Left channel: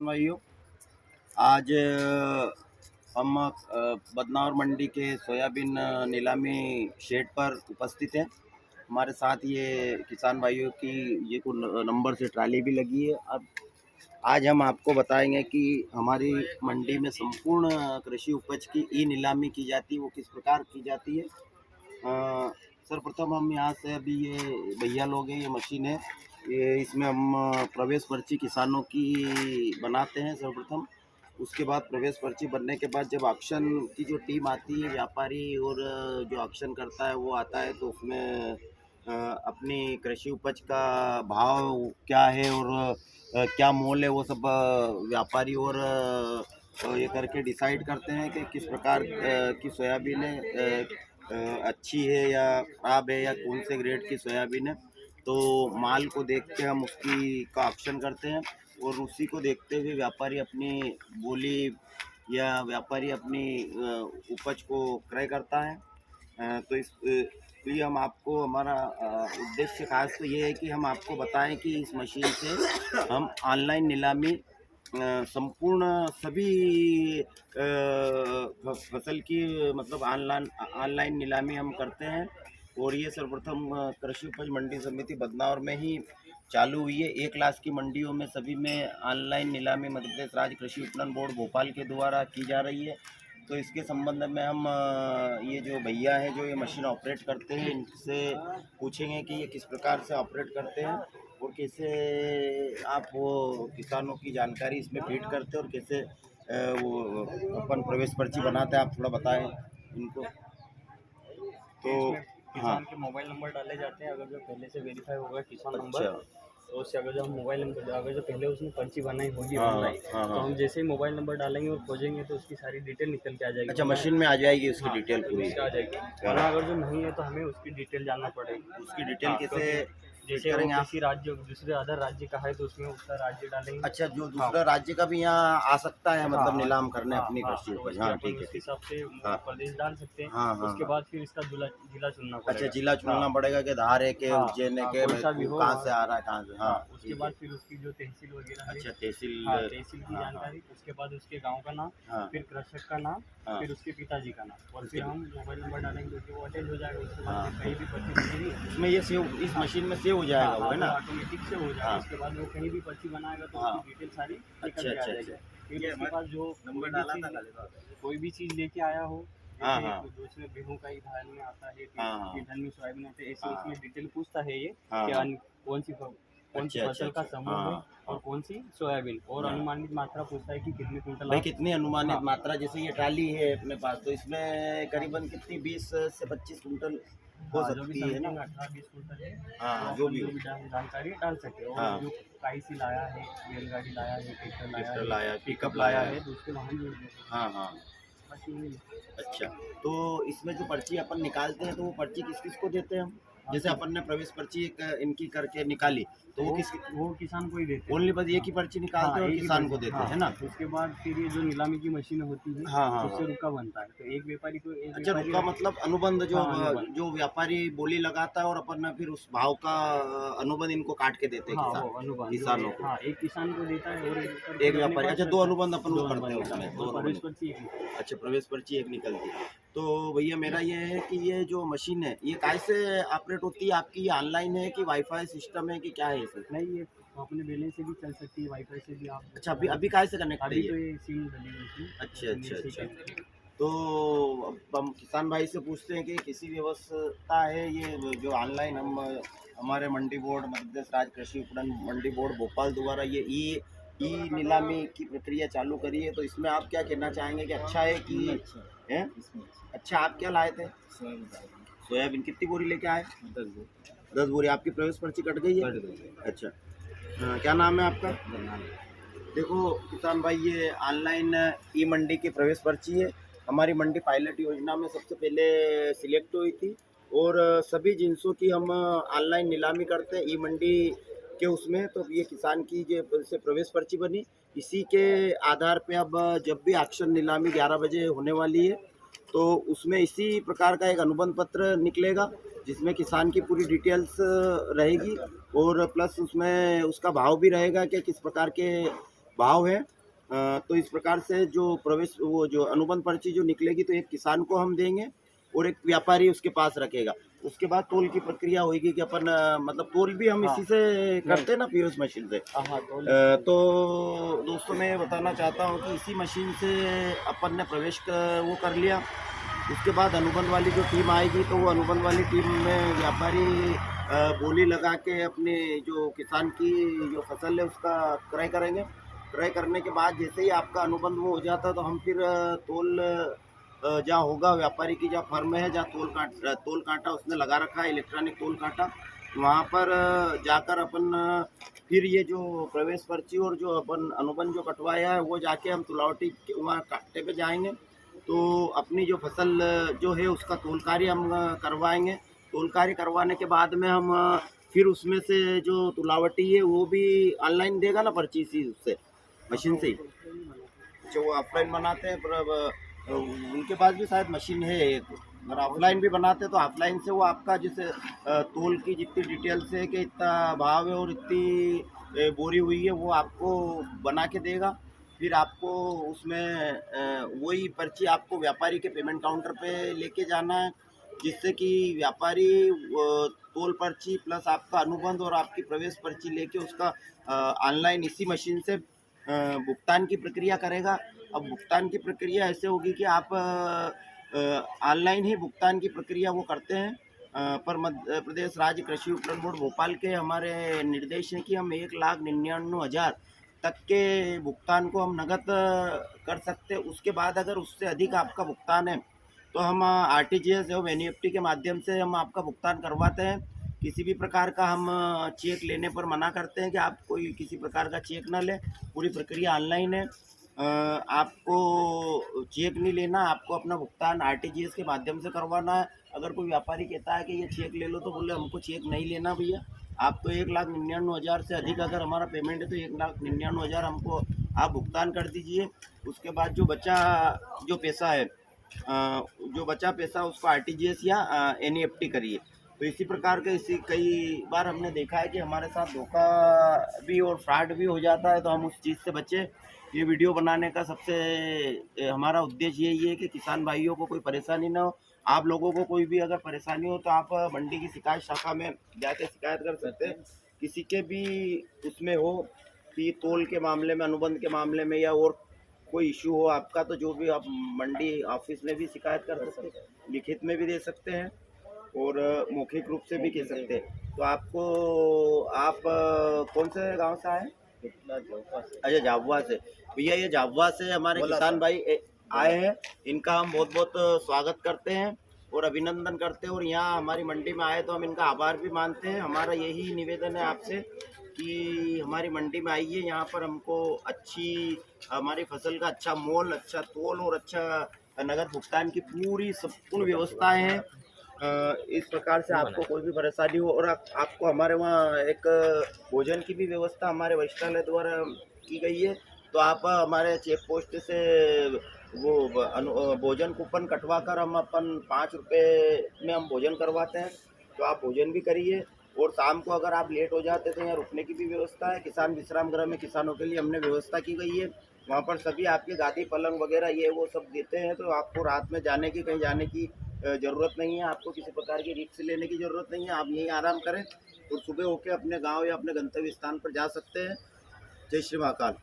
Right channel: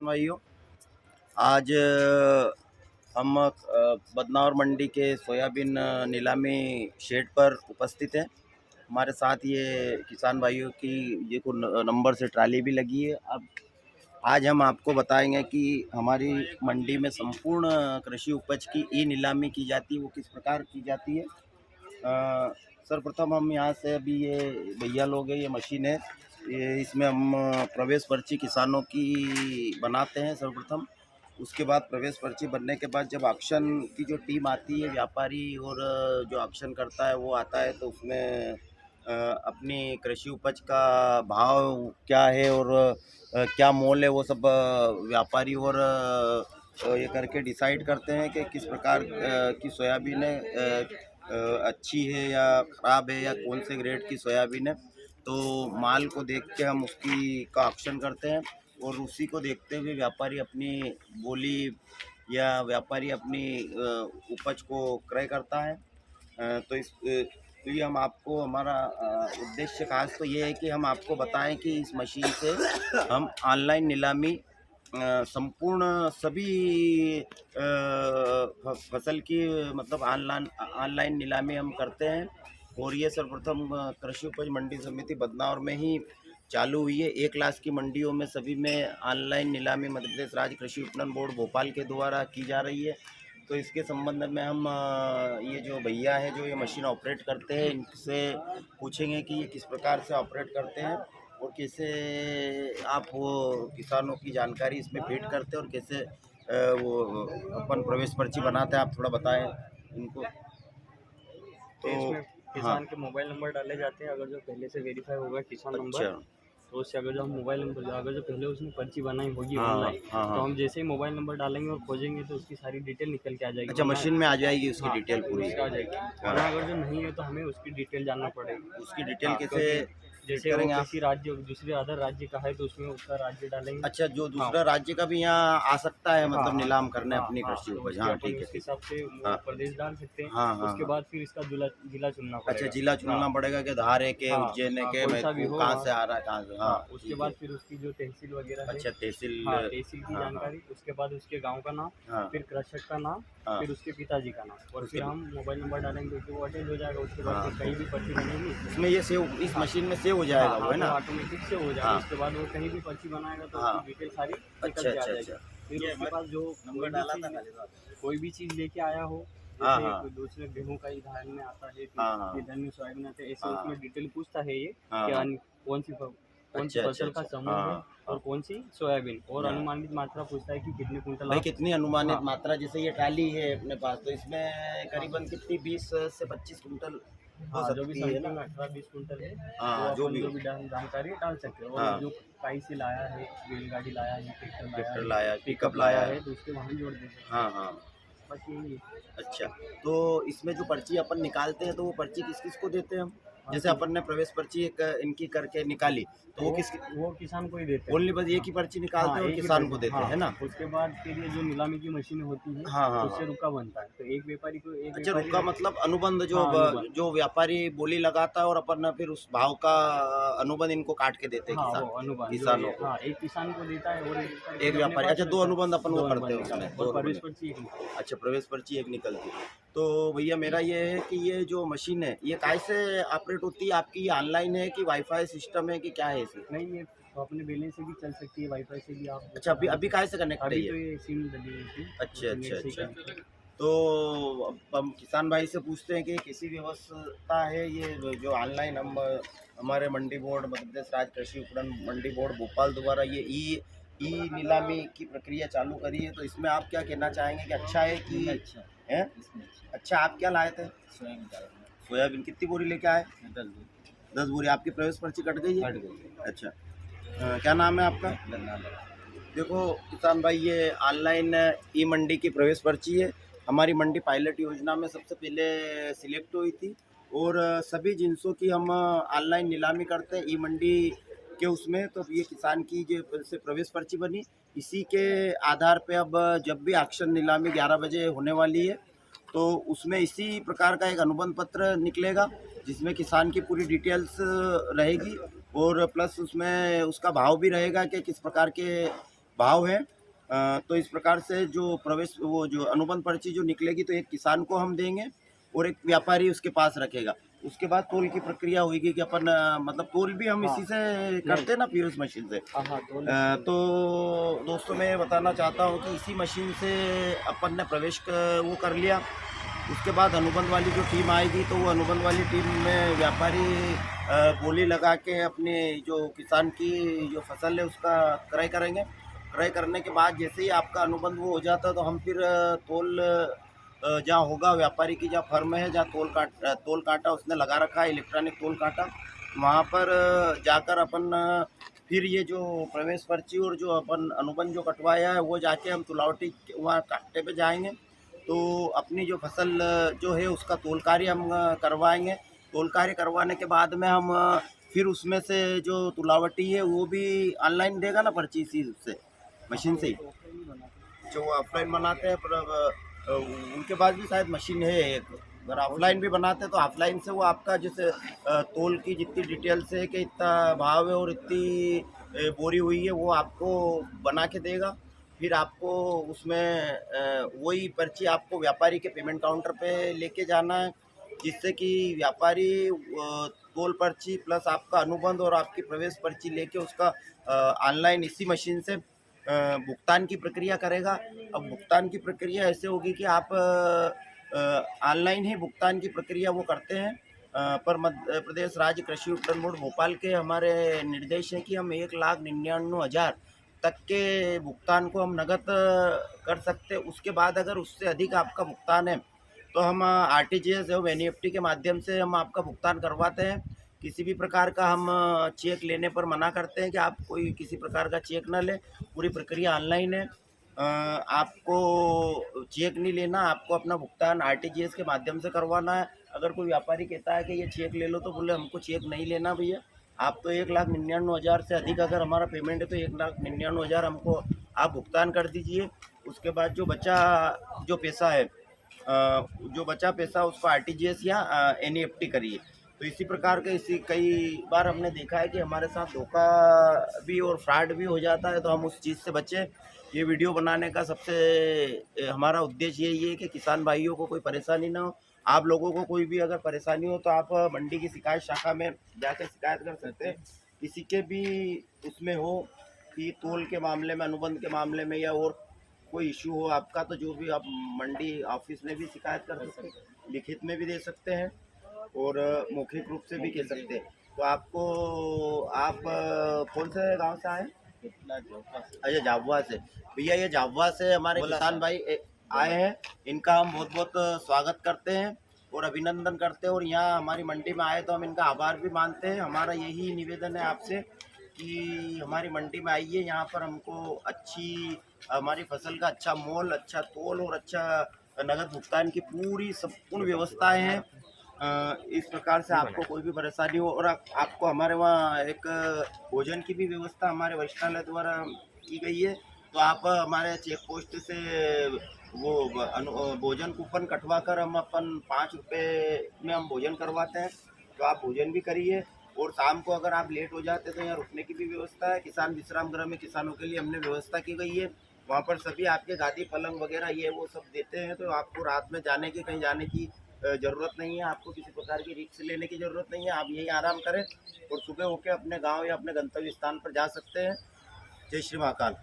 भाइयों, आज हम बदनावर मंडी के सोयाबीन नीलामी शेड पर उपस्थित हैं। हमारे साथ ये किसान भाइयों की ये को नंबर से ट्राली भी लगी है। अब आज हम आपको बताएंगे कि हमारी मंडी में संपूर्ण कृषि उपज की ई नीलामी की जाती है, वो किस प्रकार की जाती है। सर्वप्रथम हम यहाँ से अभी ये भैया लोग हैं, ये मशीन है, ये इसमें हम प्रवेश पर्ची किसानों की बनाते हैं सर्वप्रथम। उसके बाद प्रवेश पर्ची बनने के बाद जब ऑक्शन की जो टीम आती है, व्यापारी और जो ऑक्शन करता है वो आता है, तो उसमें अपनी कृषि उपज का भाव क्या है और क्या मोल है, वो सब व्यापारी और ये करके डिसाइड करते हैं कि किस प्रकार की सोयाबीन है, अच्छी है या ख़राब है, या कौन से ग्रेड की सोयाबीन है। तो माल को देख के हम उसकी का ऑक्शन करते हैं और उसी को देखते हुए व्यापारी अपनी बोली या व्यापारी अपनी उपज को क्रय करता है। तो इस लिए हम आपको हमारा उद्देश्य खास तो ये है कि हम आपको बताएं कि इस मशीन से हम ऑनलाइन नीलामी संपूर्ण सभी फसल की मतलब ऑनलाइन ऑनलाइन नीलामी हम करते हैं। और ये सर्वप्रथम कृषि उपज मंडी समिति बदनावर में ही चालू हुई है। 1 लाख की मंडियों में सभी में ऑनलाइन नीलामी मध्य प्रदेश राज्य कृषि विपणन बोर्ड भोपाल के द्वारा की जा रही है। तो इसके संबंध में हम ये जो भैया हैं जो ये मशीन ऑपरेट करते हैं, इनसे पूछेंगे कि ये किस प्रकार से ऑपरेट करते हैं और कैसे आप वो किसानों की जानकारी इसमें फीड करते हैं और कैसे वो अपन प्रवेश पर्ची बनाते हैं। आप थोड़ा बताएं इनको। तो इसमें हाँ, किसान के मोबाइल नंबर डाले जाते हैं। अगर जो पहले से वेरीफाई होगा किसान नंबर, अच्छा, तो उससे अगर जो हम मोबाइल नंबर, अगर जो पहले उसने पर्ची बनाई होगी हाँ हाँ ऑनलाइन, हाँ तो हाँ, हम जैसे ही मोबाइल नंबर डालेंगे और खोजेंगे तो उसकी सारी डिटेल निकल के आ जाएगी। अच्छा, वरना मशीन में आ जाएगी उसकी हाँ, डिटेल पूरी। उसका आ जाएगी। हाँ, वरना अगर जो नहीं है तो हमें उसकी डिटेल जानना पड़ेगी। उसकी डिटेल हाँ, कैसे क्योंकि फीड जैसे वो करेंगे आप? किसी राज्य दूसरे अदर राज्य का है तो उसमें उसका राज्य डालेंगे। अच्छा, जो हाँ दूसरा राज्य का भी यहाँ आ सकता है हाँ मतलब हाँ नीलाम करने हाँ अपनी हाँ, कृषि तो उपज। उसके हाँ, अपन ठीक है, उसके ठीक। हिसाब से वो हाँ प्रदेश डाल सकते हैं। हाँ हाँ उसके हाँ। बाद फिर इसका जिला जिला चुनना अच्छा, पड़ेगा। जिला हाँ चुनना पड़ेगा कि धार है के हाँ उज्जैन है हाँ, के कोई सा भी महतपुर हो। कहाँ हाँ से आ रहा है, कहाँ से। हाँ, हाँ, उसके ठीक है। बाद फिर उसकी जो तहसील वगैरह है। अच्छा, तहसील। हाँ, तहसील की हाँ हाँ जानकारी, उसके बाद उसके गांव का नाम, हाँ फिर कृषक का नाम, हाँ। फिर उसके पिताजी का नाम, और उसके फिर हम मोबाइल नंबर डालेंगे कि वो अटैच हो जाएगा। उसके बाद हाँ, फिर कहीं भी पर्ची बनेगी। उसमें ये सेव इस हाँ मशीन में सेव हो हाँ जाएगा वो, हाँ, है वो ना? ऑटोमेटिक से हो जाएगा। हाँ उसके बाद वो कहीं भी पर्ची बनाएगा तो उसकी हाँ। डिटेल सारी निकल अच्छा के आ अच्छा जाएगी। अच्छा। फिर उसके पास जो कोई भी चीज़ लेके आया हो, हाँ जैसे हाँ दूसरे गेहूं का ही धान में आता है, हाँ हाँ फिर धन में सोयाबीन आता है, ऐसे हाँ उसमें डिटेल पूछता है ये हाँ कि हाँ। कौन सी अच्छा अच्छा फसल का अच्छा। समूह है हाँ और हाँ कौन सी सोयाबीन, और हाँ। अनुमानित मात्रा पूछता है कि कितने कुंटल भाई आप। कितनी अनुमानित हाँ मात्रा, जैसे ये ट्राली है अपने पास, तो इसमें करीबन कितनी 20 से 25 कुंटल हो हाँ, जो भी सकती है ना? समथिंग 18-20 कुंटल है, वो हाँ, जो अपन भी जो हो। भी जानकारी डाल सकते हैं। और हाँ, जो काई से लाया है, बैलगाड़ी लाया है, ट्रैक्टर लाया गिफ्टर है, लाया, पिकअप पिकअप लाया लाया है। है, तो उसके वाहन जोड़ दे सकते हाँ हैं। हाँ। बस यही है। अच्छा, तो इसमें जो पर्ची अपन निकालते हैं, तो वो पर्ची किस किस को देते हैं हम? हाँ, जैसे अपन ने प्रवेश पर्ची एक इनकी करके निकाली, तो वो किस वो किसान को ही देते हैं। ओनली बस एक हाँ ही पर्ची निकालते हाँ, हैं और एक ही किसान को पर्ची। देते हाँ, हैं, है ना? उसके बाद फिर ये जो नीलामी की मशीनें होती हैं, हाँ हाँ उससे हाँ। रुका बनता है। तो एक व्यापारी को एक अच्छा, व्यापारी रुका मतलब अनुबंध, जो हाँ, अनुबंध। जो व्यापारी बोली लगाता है और अपन ना फिर उस भाव का अनुबंध इनको काट के देते हैं हाँ, वो अनुबंध जो किसानों को। हाँ, एक किसान को देता है और एक व्यापारी एक खुद अपने व्यापारी, पास अच्छा, 2 रखता अनुबंध अपन है। वो 2 करते अनुबंध हैं निकाले उसमें, 2 और प्रवेश अनुबंध। पर्ची एक निकाले। अच्छा, प्रवेश पर्ची एक निकलती है। तो भैया मेरा ये है कि ये जो मशीन है, ये कैसे ऑपरेट होती है आपकी? ये ऑनलाइन है कि वाईफाई सिस्टम है कि क्या है इसमें? नहीं, ये तो अपने बैलेंस से भी चल सकती है, वाईफाई से भी आप वो अच्छा, अभी चला अभी सकते काहे से कनेक्ट हैं। है अभी ये? तो ये सिम डली हुई थी, अच्छा तो अच्छा नेट से ही अच्छा। कनेक्ट है। तो अब हम किसान भाई से पूछते हैं कि किसी व्यवस्था है ये जो ऑनलाइन हम हमारे मंडी बोर्ड मध्य प्रदेश राज्य कृषि विपणन मंडी बोर्ड भोपाल द्वारा ये ई ई नीलामी की प्रक्रिया चालू करी है, तो इसमें आप क्या कहना चाहेंगे कि अच्छा है कि अच्छा, है? इसमें अच्छा। अच्छा, आप क्या लाए थे? इसमें बताइए। सोयाबीन कितनी बोरी लेके आए? 10 दो 10 बोरी। आपकी प्रवेश पर्ची कट गई है? कट गई। अच्छा, क्या नाम है आपका? बंगाल। देखो किसान भाई, ये ऑनलाइन ई मंडी की प्रवेश पर्ची है। हमारी मंडी पायलट योजना में सबसे पहले सिलेक्ट हुई थी और सभी जिनसों की हम ऑनलाइन नीलामी करते हैं ई मंडी के उसमें। तो ये किसान की जो से प्रवेश पर्ची बनी, इसी के आधार पे अब जब भी ऑक्शन नीलामी 11 बजे होने वाली है, तो उसमें इसी प्रकार का एक अनुबंध पत्र निकलेगा जिसमें किसान की पूरी डिटेल्स रहेगी और प्लस उसमें उसका भाव भी रहेगा कि किस प्रकार के भाव है। तो इस प्रकार से जो प्रवेश वो जो अनुबंध पर्ची जो निकलेगी तो एक किसान को हम देंगे और एक व्यापारी उसके पास रखेगा। उसके बाद तोल की प्रक्रिया होगी कि अपन मतलब तोल भी हम हाँ। इसी से करते हैं ना, पीओएस मशीन से। हाँ तो तो दोस्तों मैं बताना चाहता हूँ कि इसी मशीन से अपन ने वो कर लिया। उसके बाद अनुबंध वाली जो टीम आएगी तो वो अनुबंध वाली टीम में व्यापारी बोली लगा के अपने जो किसान की जो फसल है उसका क्रय करेंगे। क्रय करने के बाद जैसे ही आपका अनुबंध वो हो जाता है तो हम फिर तोल जहाँ होगा व्यापारी की जहाँ फर्म है, जहाँ तोल कांटा उसने लगा रखा है, इलेक्ट्रॉनिक तोल कांटा, वहाँ पर जाकर अपन फिर ये जो प्रवेश पर्ची और जो अपन अनुबंध जो कटवाया है वो जाके हम तुलावटी वहाँ कांटे पे जाएंगे। तो अपनी जो फसल जो है उसका तोल कार्य हम करवाएंगे। तोल कार्य करवाने के बाद में हम फिर उसमें से जो तुलावटी है वो भी ऑनलाइन देगा ना पर्ची इसी उससे मशीन से ही। जो वो ऑफलाइन बनाते हैं पर अब, उनके पास भी शायद मशीन है एक। अगर ऑफलाइन भी बनाते हैं तो ऑफलाइन से वो आपका जैसे तोल की जितनी डिटेल्स है कि इतना भाव है और इतनी बोरी हुई है वो आपको बना के देगा। फिर आपको उसमें वही पर्ची आपको व्यापारी के पेमेंट काउंटर पे लेके जाना है, जिससे कि व्यापारी तोल पर्ची प्लस आपका अनुबंध और आपकी प्रवेश पर्ची लेके उसका ऑनलाइन इसी मशीन से भुगतान की प्रक्रिया करेगा। अब भुगतान की प्रक्रिया ऐसे होगी कि आप ऑनलाइन ही भुगतान की प्रक्रिया वो करते हैं। पर मध्य प्रदेश राज्य कृषि उपकरण बोर्ड भोपाल के हमारे निर्देश हैं कि हम 1,99,000 तक के भुगतान को हम नगद कर सकते हैं। उसके बाद अगर उससे अधिक आपका भुगतान है तो हम आरटीजीएस एवं एनईएफटी के माध्यम से हम आपका भुगतान करवाते हैं। किसी भी प्रकार का हम चेक लेने पर मना करते हैं कि आप कोई किसी प्रकार का चेक ना लें। पूरी प्रक्रिया ऑनलाइन है। आपको चेक नहीं लेना, आपको अपना भुगतान आरटीजीएस के माध्यम से करवाना है। अगर कोई व्यापारी कहता है कि ये चेक ले लो तो बोले हमको चेक नहीं लेना भैया, आप तो 1,99,000 से अधिक अगर हमारा पेमेंट है तो 1,99,000 हमको आप भुगतान कर दीजिए। उसके बाद जो बचा जो पैसा है जो बचा पैसा उसको आरटीजीएस या एनईएफटी करिए। तो इसी प्रकार के इसी कई बार हमने देखा है कि हमारे साथ धोखा भी और फ्रॉड भी हो जाता है, तो हम उस चीज़ से बचें। ये वीडियो बनाने का सबसे हमारा उद्देश्य यही है कि किसान भाइयों को कोई परेशानी ना हो। आप लोगों को कोई भी अगर परेशानी हो तो आप मंडी की शिकायत शाखा में जाके शिकायत कर सकते हैं। किसी के भी उसमें हो कि तोल के मामले में, अनुबंध के मामले में या और कोई इशू हो आपका, तो जो भी आप मंडी ऑफिस में भी शिकायत कर सकते हैं, लिखित में भी दे सकते हैं और मौखिक रूप से भी कह सकते हैं। तो आपको आप कौन से गांव से आए? अच्छा, झाबुआ से। भैया ये झाबुआ से हमारे किसान भाई आए हैं, इनका हम बहुत बहुत स्वागत करते हैं और अभिनंदन करते हैं। और यहाँ हमारी मंडी में आए तो हम इनका आभार भी मानते हैं। हमारा यही निवेदन है आपसे कि हमारी मंडी में आइए, यहाँ पर हमको अच्छी हमारी फसल का अच्छा मोल, अच्छा तोल और अच्छा नगद भुगतान की पूरी संपूर्ण व्यवस्थाएं हैं। इस प्रकार से आपको कोई भी परेशानी हो और आपको हमारे वहाँ एक भोजन की भी व्यवस्था हमारे वरिष्ठालय द्वारा की गई है। तो आप हमारे चेक पोस्ट से वो भोजन कूपन कटवा कर हम अपन 5 रुपये में हम भोजन करवाते हैं। तो आप भोजन भी करिए और शाम को अगर आप लेट हो जाते तो यहाँ रुकने की भी व्यवस्था है। किसान विश्राम गृह में किसानों के लिए हमने व्यवस्था की गई है। वहाँ पर सभी आपके गादी पलंग वगैरह ये वो सब देते हैं। तो आपको रात में जाने की, कहीं जाने की ज़रूरत नहीं है। आपको किसी प्रकार की रिस्क लेने की ज़रूरत नहीं है। आप यहीं आराम करें और सुबह होकर अपने गांव या अपने गंतव्य स्थान पर जा सकते हैं। जय श्री महाकाल।